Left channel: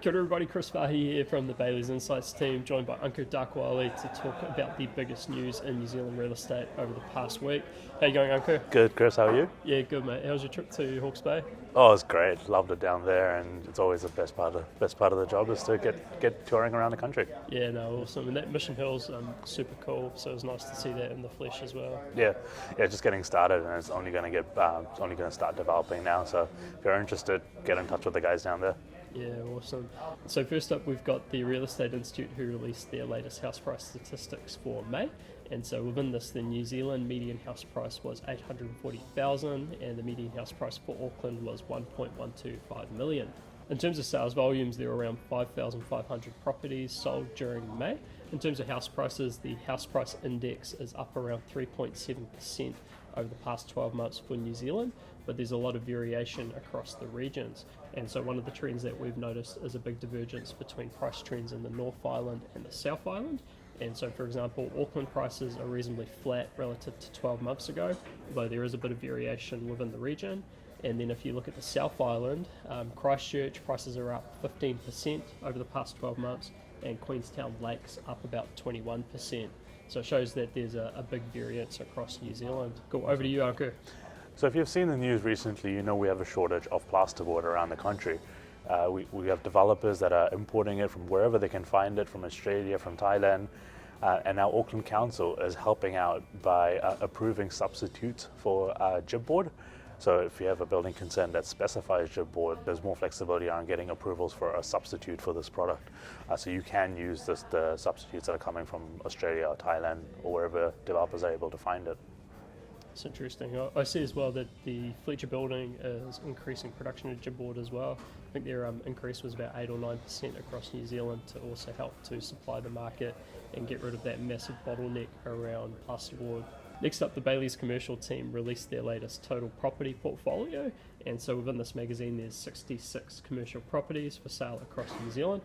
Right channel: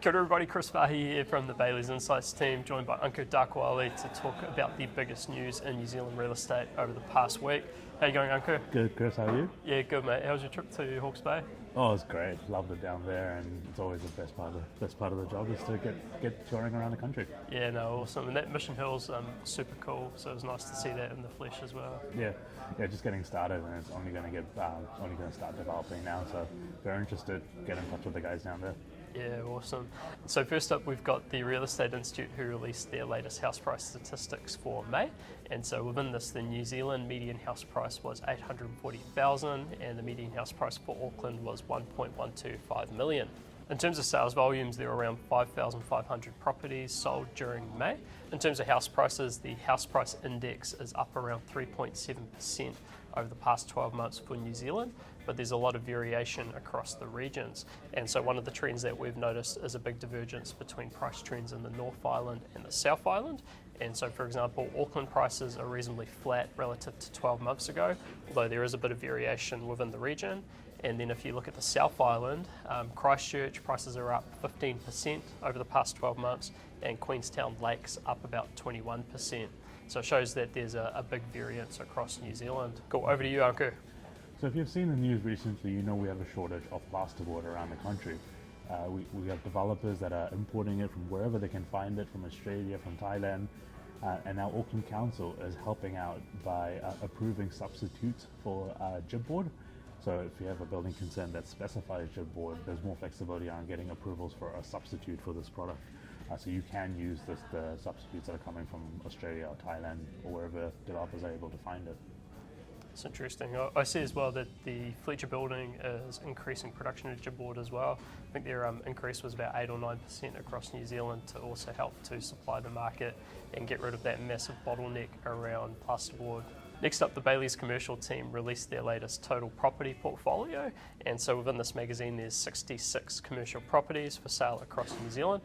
Kia ora everybody, Chris Farhi here from the Bayleys Insights team, joined by Ankur Dakwale to talk about the biggest news in New Zealand real estate over the past week. How you going, Ankur? Good, Chris, how are you? Yeah, good mate. How was your trip to Hawke's Bay? Oh, it's great. Loved it down there, and it's always the best part of the job is to get touring around the country. Yeah, no, awesome. And that Mission Hill's super cool, so it was nice to see that in the flesh as well. Yeah, just getting started, and it's only going to start developing now. So if you're interested, get in touch with the guys down there. Yeah, awesome. So first up, we've got the Real Estate Institute who released their latest house price statistics for May. And so within this, the New Zealand median house price was $840,000 and the median house price for Auckland was $1.125 million. In terms of sales volumes, there were around 5,500 properties sold during May. In terms of house prices, the house price index is up around 3.7% over the past 12 months for New Zealand, but there's a lot of variation across the regions. And so one of the trends that we've noticed is a big divergence between price trends in the North Island and the South Island. And so, for example, Auckland prices are reasonably flat relative to 12 months ago, although there is a bit of variation within the region. And then if you look at the South Island, Christchurch prices are up 15% over the past 12 months, and Queenstown Lakes up about 21%. So it shows that there's a big variance across New Zealand. Cool, over to you, Hawke. So if you've seen the news recently, you know we have a shortage of plasterboard around the country. We have developers that are importing it from wherever they can find it, from Australia, from Thailand, and now Auckland Council is helping out by approving substitutes for chipboard. So if you have a building consent that specifies chipboard, there's more flexibility on getting approvals for a substitute for this product. So you can use the substitutes that are coming from Australia or Thailand or wherever developers are able to find it. It's interesting. I see as well that the Fletcher building is increasing production of chipboard as well. I think their increase was about 8 or 9% across New Zealand to also help to supply the market and get rid of that massive bottleneck around plasterboard. Next up, the Bayleys Commercial team released their latest total property portfolio, and so within this magazine there's 66 commercial properties for sale across New Zealand.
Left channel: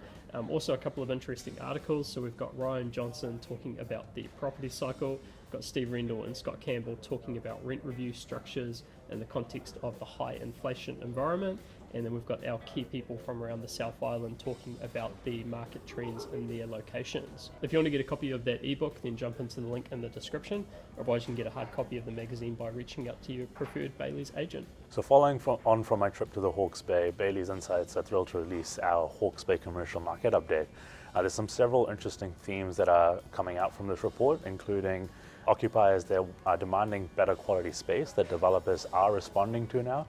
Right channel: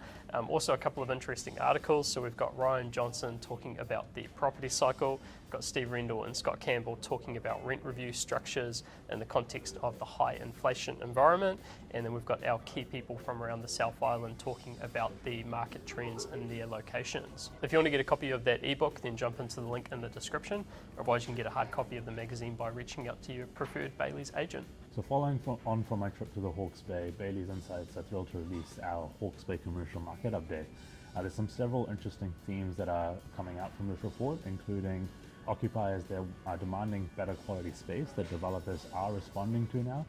Also a couple of interesting articles, so we've got Ryan Johnson talking about the property cycle, we've got Steve Rendell and Scott Campbell talking about rent review structures in the context of the high inflation environment, and then we've got our key people from around the South Island talking about the market trends in their locations. If you want to get a copy of that ebook, then jump into the link in the description. Otherwise you can get a hard copy of the magazine by reaching out to your preferred Bayleys agent. So following on from my trip to the Hawke's Bay, Bayleys Insights are thrilled to release our Hawke's Bay commercial market update. There's several interesting themes that are coming out from this report, including occupiers that are demanding better quality space that developers are responding to now.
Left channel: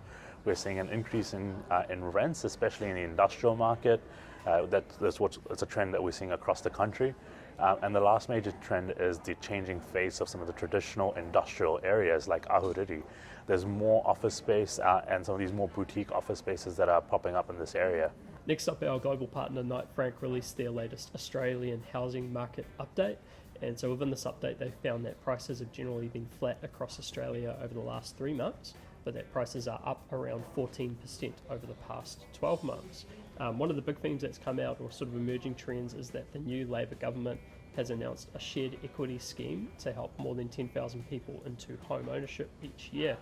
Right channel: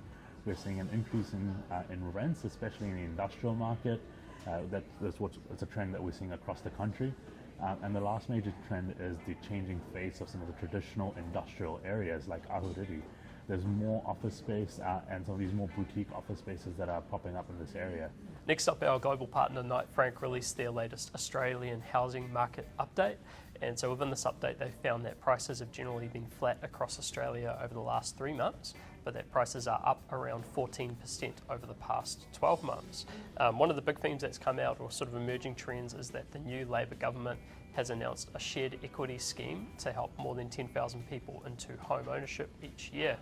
We're seeing an increase in rents, especially in the industrial market. It's a trend that we're seeing across the country. And the last major trend is the changing face of some of the traditional industrial areas like Ahuriri. There's more office space and some of these more boutique office spaces that are popping up in this area. Next up, our global partner Knight Frank released their latest Australian housing market update. And so within this update, they found that prices have generally been flat across Australia over the last 3 months, but that prices are up around 14% over the past 12 months. One of the big themes that's come out, or sort of emerging trends, is that the new Labor government has announced a shared equity scheme to help more than 10,000 people into home ownership each year.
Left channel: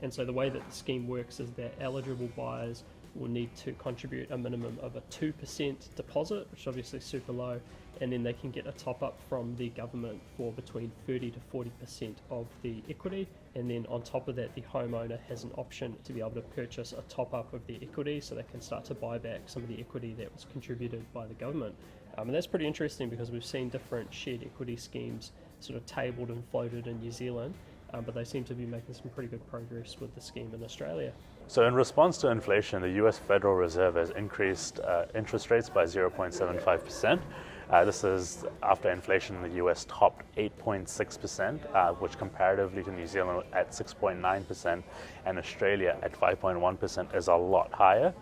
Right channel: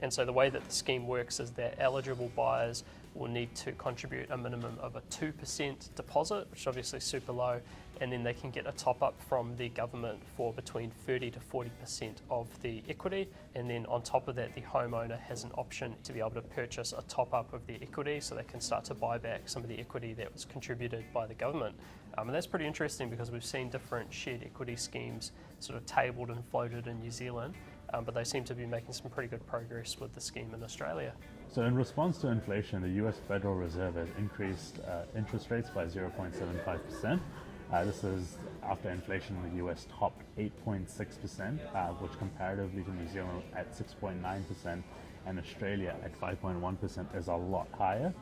And so the way that the scheme works is that eligible buyers will need to contribute a minimum of a 2% deposit, which is obviously super low, and then they can get a top up from the government for between 30 to 40% of the equity. And then on top of that, the homeowner has an option to be able to purchase a top up of the equity so they can start to buy back some of the equity that was contributed by the government. And that's pretty interesting because we've seen different shared equity schemes sort of tabled and floated in New Zealand, but they seem to be making some pretty good progress with the scheme in Australia. So in response to inflation, the US Federal Reserve has increased interest rates by 0.75%. This is after inflation in the US topped 8.6%, which comparatively to New Zealand at 6.9% and Australia at 5.1% is a lot higher.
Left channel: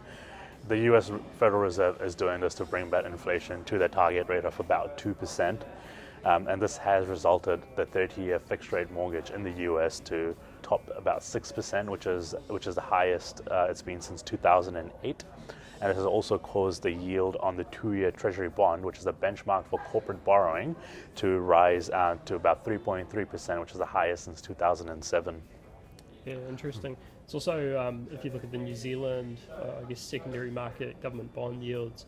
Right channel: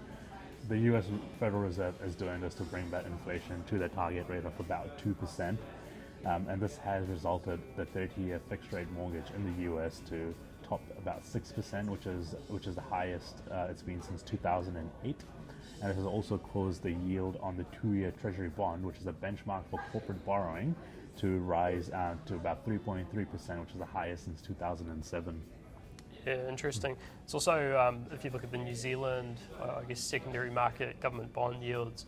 The US Federal Reserve is doing this to bring back inflation to the target rate of about 2%. And this has resulted the 30-year fixed rate mortgage in the US to top about 6%, which is the highest it's been since 2008. And it has also caused the yield on the 2-year Treasury bond, which is the benchmark for corporate borrowing, to rise to about 3.3%, which is the highest since 2007. Yeah, interesting. It's also, if you look at the New Zealand, I guess, secondary market government bond yields,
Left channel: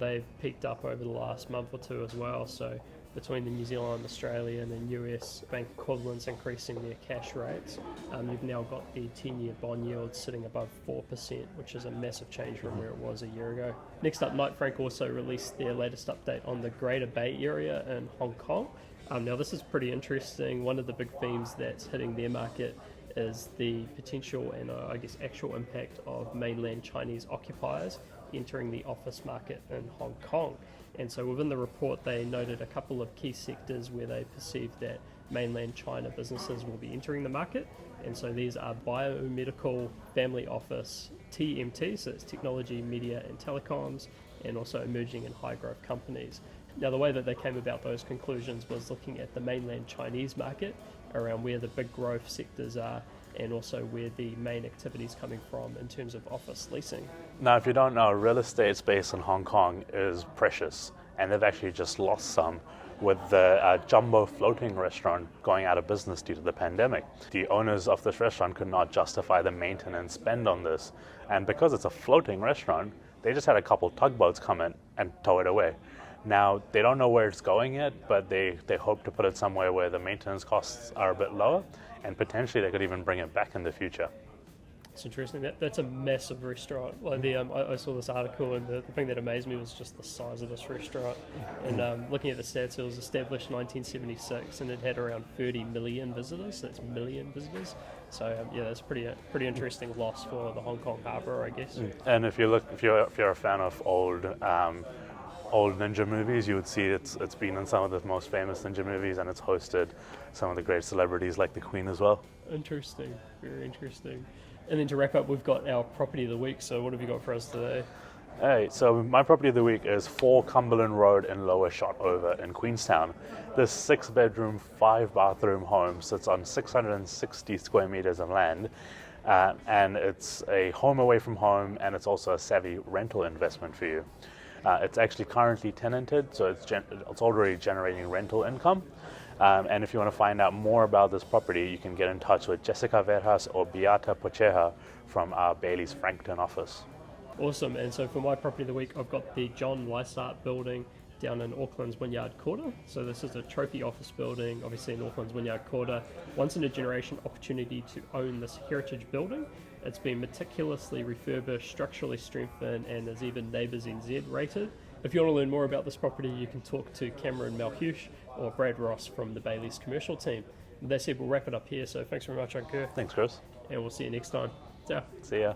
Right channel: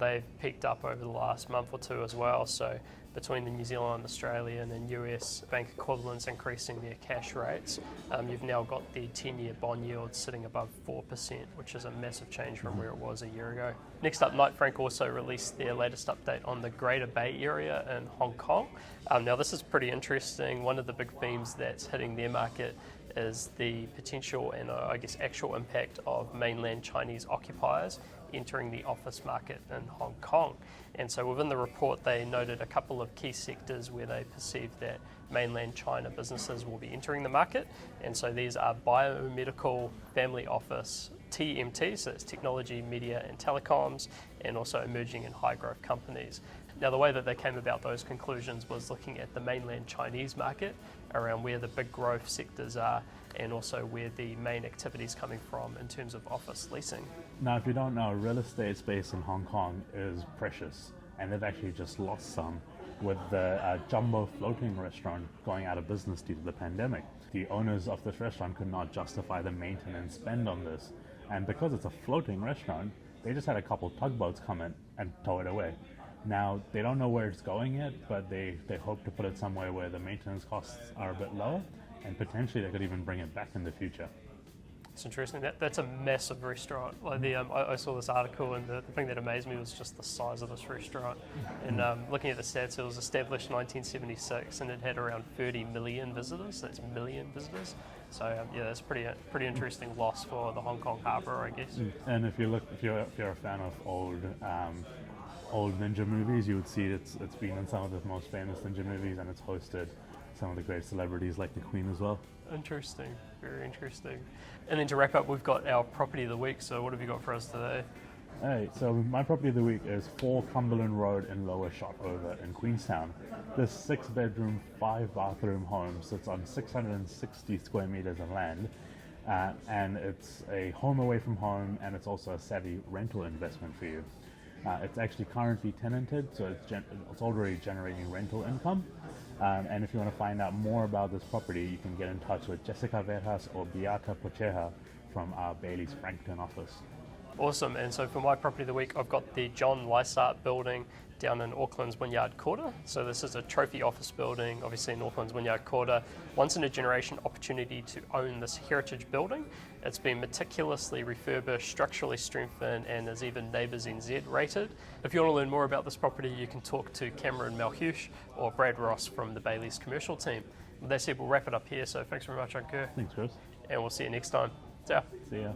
they've peaked up over the last month or two as well. So between the New Zealand, Australian and US bank equivalents increasing their cash rates, you've now got the 10-year bond yield sitting above 4%, which is a massive change from where it was a year ago. Next up, Knight Frank also released their latest update on the Greater Bay Area in Hong Kong. Now this is pretty interesting. One of the big themes that's hitting their market is the potential and I guess actual impact of mainland Chinese occupiers entering the office market in Hong Kong. And so within the report they noted a couple of key sectors where they perceive that mainland China businesses will be entering the market. And so these are biomedical, family office, TMT, so it's technology, media and telecoms, and also emerging and high growth companies. Now the way that they came about those conclusions was looking at the mainland Chinese market around where the big growth sectors are and also where the main activity is coming from in terms of office leasing. Now, if you don't know, real estate space in Hong Kong is precious, and they've actually just lost some with the Jumbo floating restaurant going out of business due to the pandemic. The owners of this restaurant could not justify the maintenance spend on this, and because it's a floating restaurant, they just had a couple tugboats come in and tow it away. Now, they don't know where it's going yet, but they hope to put it somewhere where the maintenance costs are a bit lower, and potentially they could even bring it back in the future. It's interesting. That's a massive restaurant. Like I saw this article, and the thing that amazed me was just the size of this restaurant. And looking at the stats, it was established in 1976, and it had around 30 million visitors. So that's million visitors. So yeah, that's pretty interesting loss for the Hong Kong harbour, I guess. And if you're a fan of old ninja movies, you would see it's been in some of the most famous ninja movies, and it's hosted some of the great celebrities like the Queen as well. Interesting, very interesting. And then to wrap up, we've got our property of the week. So what have you got for us today? Hey, so my property of the week is 4 Cumberland Road in Lower Shotover in Queenstown. This 6-bedroom, 5-bathroom home sits on 660 square meters of land, and it's a home away from home, and it's also a savvy rental investment for you. It's actually currently tenanted, so it's already generating rental income. And if you want to find out more about this property, you can get in touch with Jessica Verhas or Beata Pocheja from our Bayleys Frankton office. Awesome. And so for my property of the week, I've got the John Lysaght building down in Auckland's Wynyard Quarter. So this is a trophy office building, obviously in Auckland's Wynyard Quarter. Once in a generation opportunity to own this heritage building. It's been meticulously refurbished, structurally strengthened, and is even Neighbours NZ rated. If you want to learn more about this property, you can talk to Cameron Malhush or Brad Ross from the Bayleys Commercial team. With that said, we'll wrap it up here. So thanks very much, Ankur. Thanks, Chris. And we'll see you next time. Ciao. See ya.